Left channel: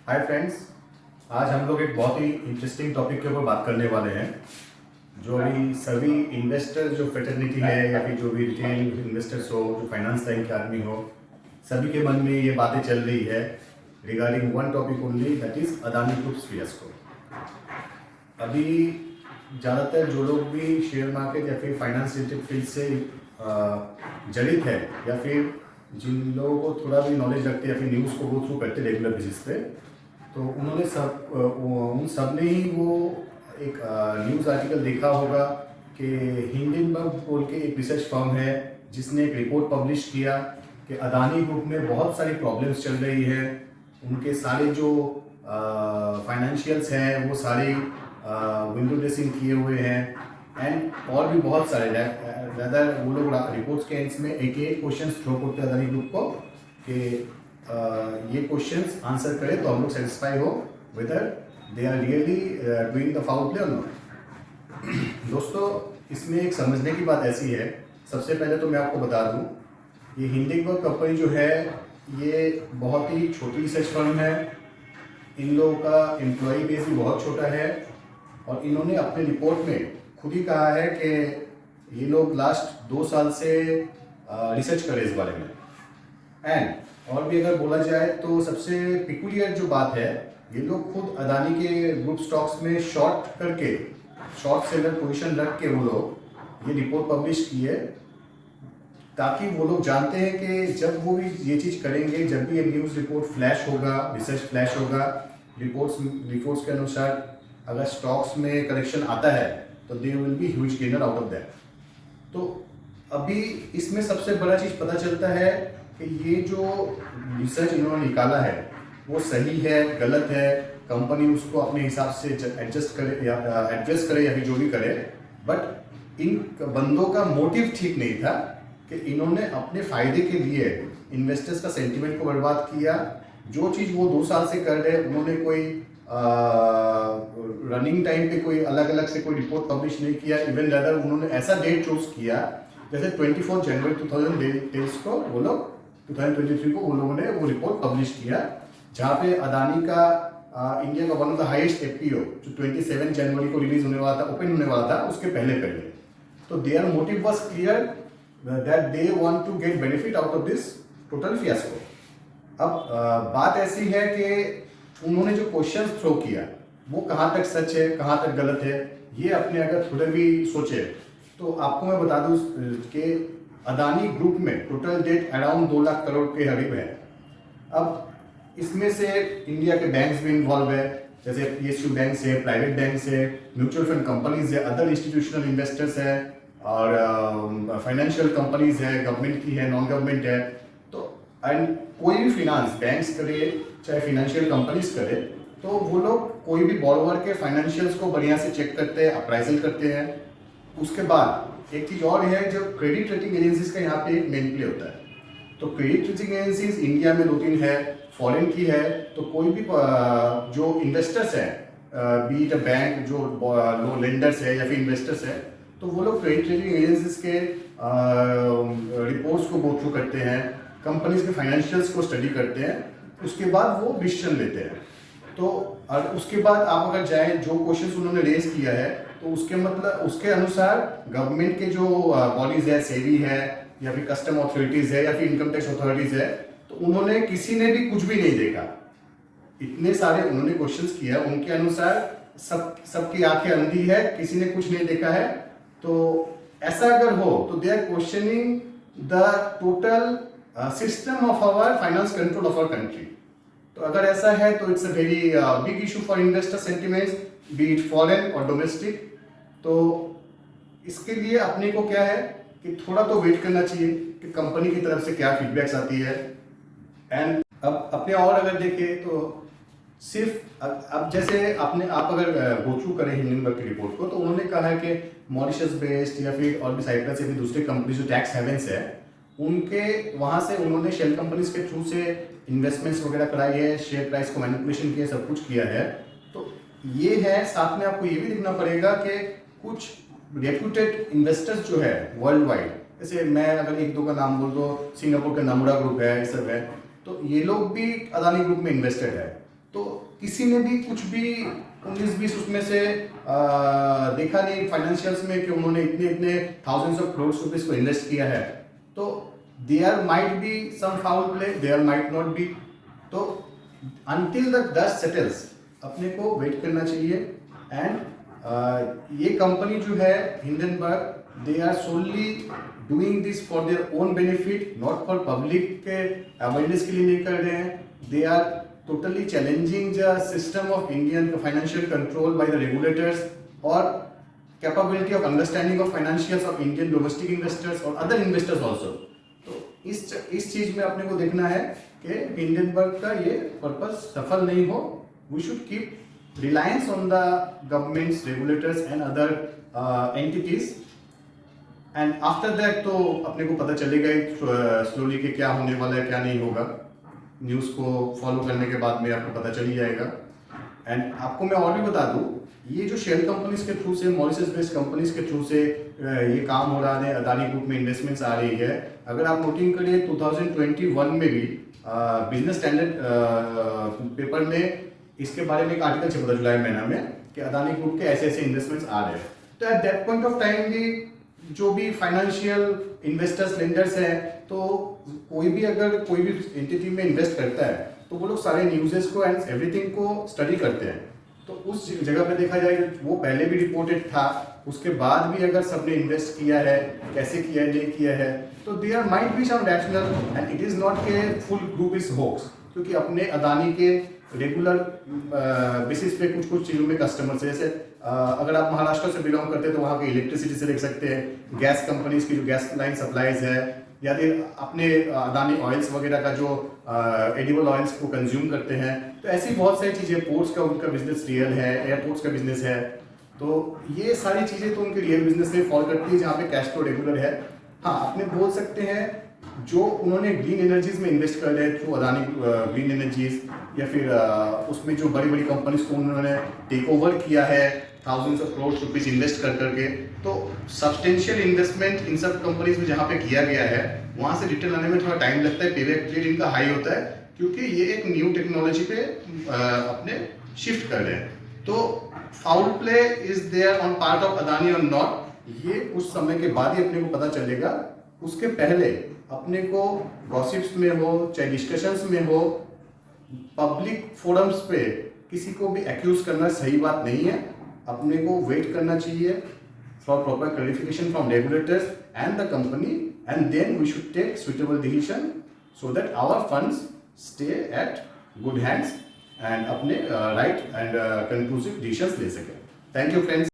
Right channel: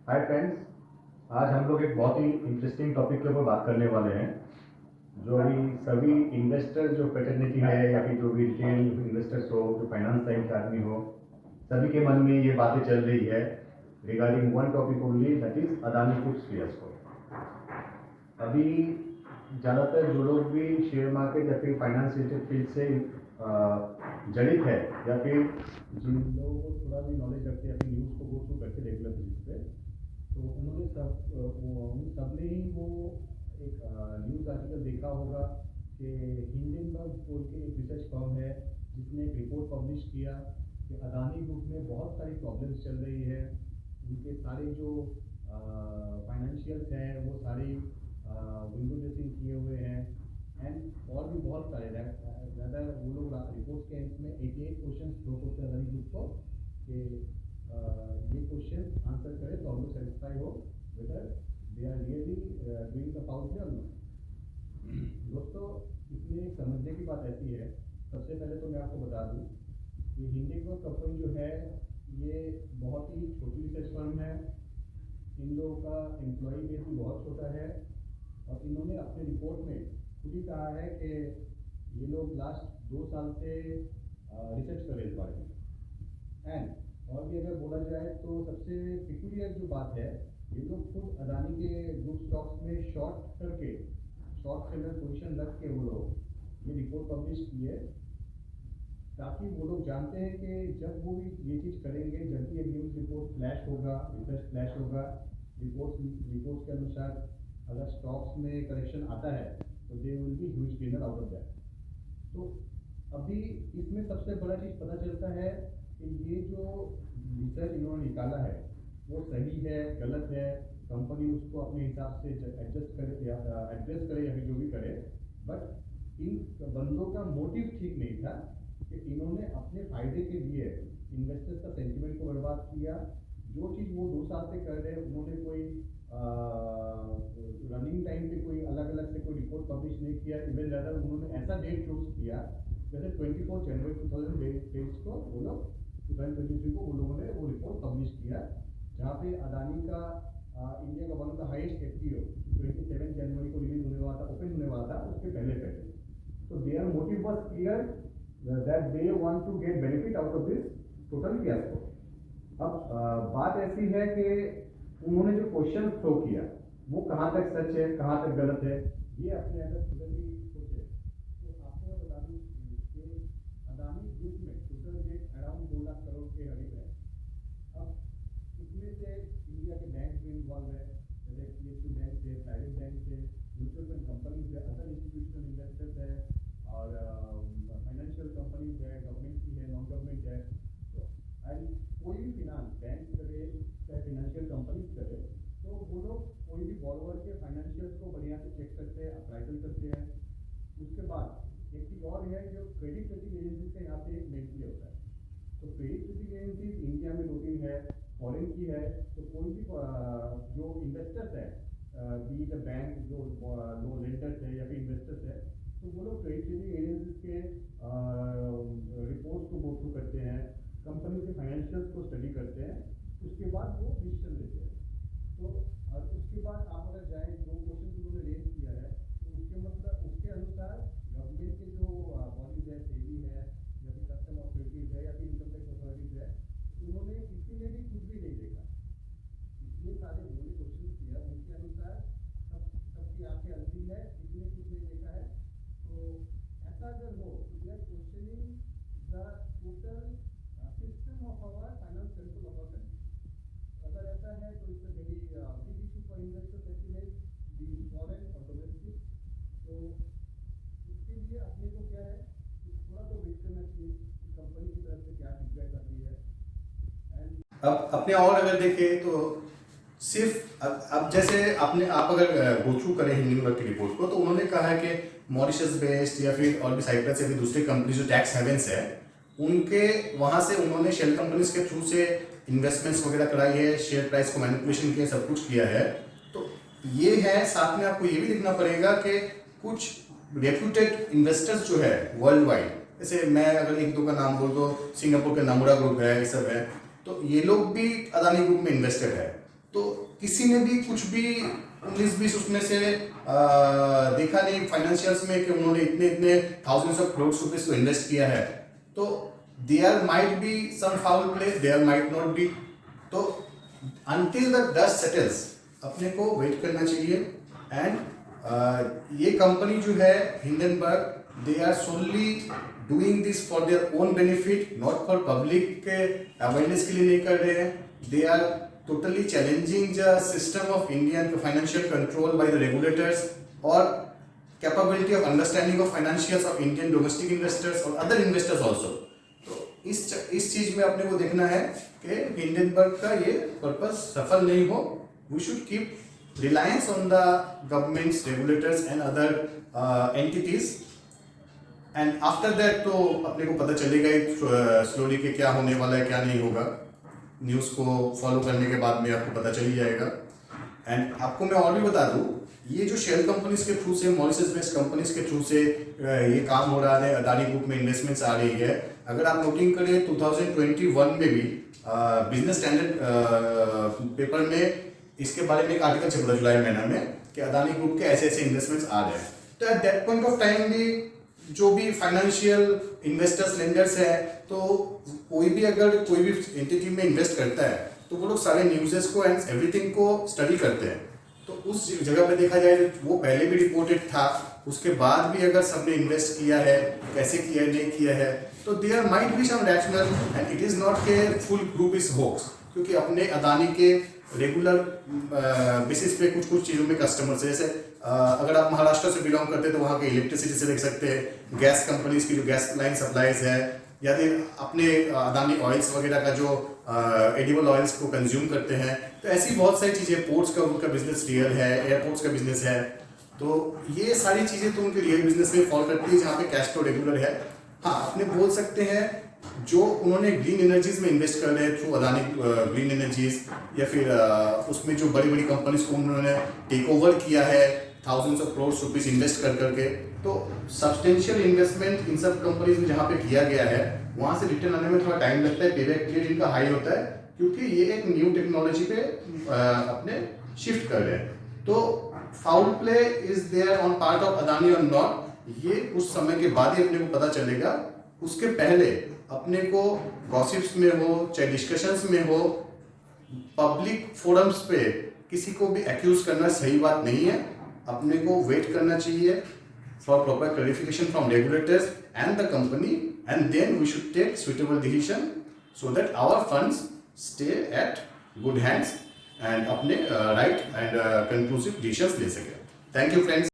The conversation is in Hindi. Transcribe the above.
हाय फ्रेंड्स, आज हम लोग एक बहुत ही इंटरेस्टिंग टॉपिक के ऊपर बात करने वाले हैं। जो भी सभी इन्वेस्टर जो फेटर्निटी है या फिर जो भी रिटेल इन्वेस्टर्स हो, जो फाइनेंस लाइन के आदमी हो, सभी के मन में ये बातें चल रही है regarding one topic only, that is Adani groups fiasco. अभी ज़्यादातर जो लोग भी शेयर मार्केट या फिर फाइनेंस रिलेटेड फील्ड से जड़ित है या फिर जिन लोगों को थोड़ा भी नॉलेज रखते हैं या फिर न्यूज़ को गो थ्रू करते रेगुलर बेसिस पे, तो उन्होंने उन सब ने ही वो एक न्यूज़ आर्टिकल देखा होगा कि हिंडनबर्ग बोल के एक रिसर्च फर्म है जिसने एक रिपोर्ट पब्लिश किया कि अदानी ग्रुप में बहुत सारी प्रॉब्लम्स चल रही है। उनके सारे जो फाइनेंशियल्स हैं वो सारे विंडो ड्रेसिंग किए हुए हैं एंड और भी बहुत सारे ज़्यादा वो लोग रिपोर्ट्स के एंड्स में एक क्वेश्चन थ्रो करते हैं अदानी ग्रुप को कि ये क्वेश्चंस आंसर करें तो हम लोग सेटिस्फाई हो whether they are really doing the foul play और नॉट। दोस्तों, इसमें एक समझने की बात ऐसी है, सबसे पहले तो मैं आपको बता दूं, ये हिंडनबर्ग कंपनी जो है ये बहुत ही छोटी रिसर्च फर्म है। इन लोगों का एम्प्लॉय बेस भी बहुत छोटा है और इन्होंने अपने रिपोर्ट में खुद ही कहा है कि ये लोग लास्ट 2 साल से रिसर्च कर रहे हैं इस बारे में। एंड और भी अगर बोला जाए तो सबसे पिकुलियर जो बात है, ये लोग खुद अदानी के ग्रुप स्टॉक्स में शॉर्ट करके, शॉर्ट सेलर पोजीशन रख के वो लोग ये रिपोर्ट पब्लिश की है, ताकि वो लोग जानते हैं कि जब वो भी ये चीज़ करेंगे, जब भी ये न्यूज़ रिपोर्ट फ्लैश होगा, रिसर्च फ्लैश होगा, रिपोर्ट्स के अनुसार अगर स्टॉक्स में करेक्शन आता है तो they will be huge gainer out of that. तो अभी इसमें सबसे बड़ा चीज़ पता चलता है कि ये जो रिसर्च इन्होंने निकाला है वो सही है, गलत है, कंपनी उसको अपने हिसाब से एडजस्ट करे या एड्रेस करे या फिर जो भी करे, बट इन बंदों का मोटिव ठीक नहीं था कि इन्होंने अपने फायदे के लिए इन्वेस्टर्स का सेंटिमेंट को बर्बाद किया। जो चीज़ वो 2 साल से कर रहे, उन्होंने कोई रनिंग टाइम पे कोई अलग अलग से कोई रिपोर्ट पब्लिश नहीं किया। इवन रदर उन्होंने ऐसा डेट चूज किया जैसे 24 जनवरी 2023 को वो लोग 2023 को वो लोगों ने वो रिपोर्ट पब्लिश किया, जहाँ पे अदानी का इंडिया का one of the highest FPO जो 27 जनवरी को रिलीज होने वाला था, ओपन होने वाला था, उसके पहले। तो their motive was clear that they want to get benefit out of this total fiasco. अब बात ऐसी है कि उन्होंने जो क्वेश्चन थ्रो किया वो कहाँ तक सच है, कहाँ तक गलत है, ये अपने अगर थोड़े भी सोचे तो आपको मैं बता दूं कि अदानी ग्रुप में total date around 2 lakh crore के करीब है। अब इसमें से इंडिया के बैंक्स भी इन्वॉल्व है, जैसे PSU बैंक से, प्राइवेट बैंक से, म्यूचुअल फंड कंपनीज है, अदर इंस्टीट्यूशनल इन्वेस्टर्स है और फाइनेंशियल कंपनीज है, गवर्नमेंट की है, नॉन गवर्नमेंट है। तो एंड कोई भी फिनांस बैंक्स करे चाहे फाइनेंशियल कंपनीज करे, तो वो लोग कोई भी बॉरोवर के फाइनेंशियल्स को बढ़िया से चेक करते हैं, अप्राइजल करते हैं। उसके बाद एक चीज़ और है, जो क्रेडिट रेटिंग एजेंसीज का यहाँ पे एक मेन प्ले होता है। तो क्रेडिट रेटिंग एजेंसीज इंडिया में 2-3 है, फॉरेन की है। तो कोई भी जो इन्वेस्टर्स है, बी इट अ बैंक जो लो लेंडर्स है या फिर इन्वेस्टर्स है, तो वो लोग क्रेडिट रेटिंग एजेंसीज के रिपोर्ट्स को गो थ्रू करते हैं, कंपनीज के फाइनेंशियल्स को स्टडी करते हैं, उसके बाद वो डिसीजन लेते हैं। तो उसके बाद आप अगर जाएं, जो क्वेश्चंस उन्होंने रेज किया है, तो उसके मतलब उसके अनुसार गवर्नमेंट के जो बॉडीज है, सेबी है या फिर कस्टम अथॉरिटीज है या फिर इनकम टैक्स अथॉरिटीज है, तो उन्होंने किसी ने भी कुछ भी नहीं देखा। इतने सारे उन्होंने क्वेश्चंस किया, उनके अनुसार सबकी आंखें अंधी है, किसी ने कुछ नहीं देखा है। तो ऐसा अगर हो तो they are questioning the total system of our finance control of our country. तो अगर ऐसा है तो it's a very big issue for investor sentiments, be it foreign और डोमेस्टिक। तो इसके लिए अपने को क्या है कि थोड़ा तो वेट करना चाहिए कि कंपनी की तरफ से क्या फीडबैक्स आती है। एंड अब अपने और अगर देखें तो सिर्फ अब जैसे आप अगर गो थ्रू करें हिंडनबर्ग की रिपोर्ट को, तो उन्होंने कहा है कि मॉरिशस बेस्ड या फिर और भी साइप्रस या फिर दूसरे कंपनी जो टैक्स हेवेंस है, उनके वहाँ से उन्होंने शेल कंपनीज के थ्रू से इन्वेस्टमेंट्स वगैरह कराई है, शेयर प्राइस को मैनिपुलेशन किया, सब कुछ किया है। तो ये है, साथ में आपको ये भी देखना पड़ेगा कि कुछ रेप्यूटेड इन्वेस्टर्स जो है वर्ल्ड वाइड, जैसे मैं अगर 1-2 का नाम बोल दो, सिंगापुर का नमुरा ग्रुप है, ये सब है, तो ये लोग भी अदानी ग्रुप में इन्वेस्टेड है। तो किसी ने भी कुछ भी 19-20 उसमें से देखा नहीं फाइनेंशियल्स में कि उन्होंने इतने इतने थाउजेंड्स ऑफ करोड़ रुपीस को इन्वेस्ट किया है। तो there might be some foul play, there might not be. तो अनटिल द डस्ट सेटल्स अपने को वेट करना चाहिए। एंड ये कंपनी जो है Hindenburg, they are solely doing this for their own benefit, not for public के अवेयरनेस के लिए नहीं कर रहे हैं। They are totally challenging the system of Indian financial control by the regulators or capability of understanding of financials of Indian domestic investors or other investors also। तो इस चीज में अपने को देखना है कि हिंडनबर्ग का ये पर्पस सफल नहीं हो। We should keep reliance on the governments, regulators and other entities. And after that तो अपने को पता चलेगा स्लोली कि क्या होने वाला है, क्या नहीं होगा। न्यूज़ को फॉलो करने के बाद में आपको पता चल ही जाएगा। एंड आपको मैं और भी बता दूं, ये जो शेल कंपनीज के थ्रू से, मॉरिशस बेस्ड कंपनीज के थ्रू से ये काम हो रहा है, अदानी ग्रुप में इन्वेस्टमेंट्स आ रही है। अगर आप नोटिंग करिए 2021 में भी बिजनेस स्टैंडर्ड पेपर में इसके बारे में एक आर्टिकल छपा था जुलाई महीना में कि अदानी ग्रुप के ऐसे ऐसे इन्वेस्टमेंट्स आ रहे हैं। तो at that point of time भी जो भी फाइनेंशियल इन्वेस्टर्स, लेंडर्स हैं, तो कोई भी अगर कोई भी एंटिटी में इन्वेस्ट करता है तो वो लोग सारे न्यूज़ेस को एंड एवरीथिंग को स्टडी करते हैं। तो उस जगह पे देखा जाए जो वो पहले भी रिपोर्टेड था, उसके बाद भी अगर सबने इन्वेस्ट किया है, कैसे किया है, नहीं किया है, तो there might be some rational and it is not के फुल ग्रुप इज होक्स। क्योंकि अपने अदानी के रेगुलर बेसिस पे कुछ कुछ चीज़ों में कस्टमर्स है, जैसे अगर आप महाराष्ट्र से बिलोंग करते हैं तो वहाँ के इलेक्ट्रिसिटी से देख सकते हैं, गैस कंपनीज की जो गैस लाइन सप्लाईज है, या फिर अपने अदानी ऑयल्स वगैरह का जो एडिबल ऑयल्स को कंज्यूम करते हैं। तो ऐसी बहुत सारी चीज़ें, पोर्ट्स का उनका बिजनेस रियल है, एयरपोर्ट्स का बिजनेस है। तो ये सारी चीज़ें तो उनके रियल बिजनेस में फॉल करती है जहाँ पे कैश फ्लो रेगुलर है। हाँ, अपने बोल सकते हैं जो उन्होंने ग्रीन एनर्जीज में इन्वेस्ट कर रहे हैं थ्रू अदानी ग्रीन एनर्जीज, या फिर उसमें जो बड़ी बड़ी कंपनीज को उन्होंने टेक ओवर किया है thousands of crore rupees invest कर करके, तो सब्सटेंशियल इन्वेस्टमेंट इन सब कंपनीज में जहाँ पे किया गया है वहाँ से रिटर्न आने में थोड़ा टाइम लगता है, पेबैक पीरियड इनका हाई होता है, क्योंकि ये एक न्यू टेक्नोलॉजी पे अपने शिफ्ट कर रहे हैं। तो foul play is there on part of Adani और नॉट, ये कुछ समय के बाद ही अपने को पता चलेगा। उसके पहले अपने को गॉसिप्स में हो चाहे डिस्कशंस में हो, पब्लिक फोरम्स पे किसी को भी एक्यूज करना सही बात नहीं है। अपने को वेट करना चाहिए for proper clarification from regulators and the company, and then we should take suitable decision so that our funds stay at good hands and अपने राइट एंड कंक्लूसिव डिसीजंस ले सके। Thank you friends.